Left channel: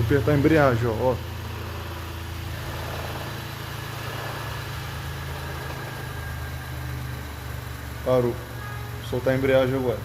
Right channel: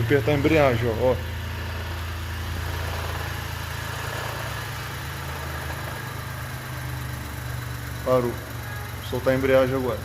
Vou apertar a embreagem, ó. Parou. Vou soltar a embreagem agora.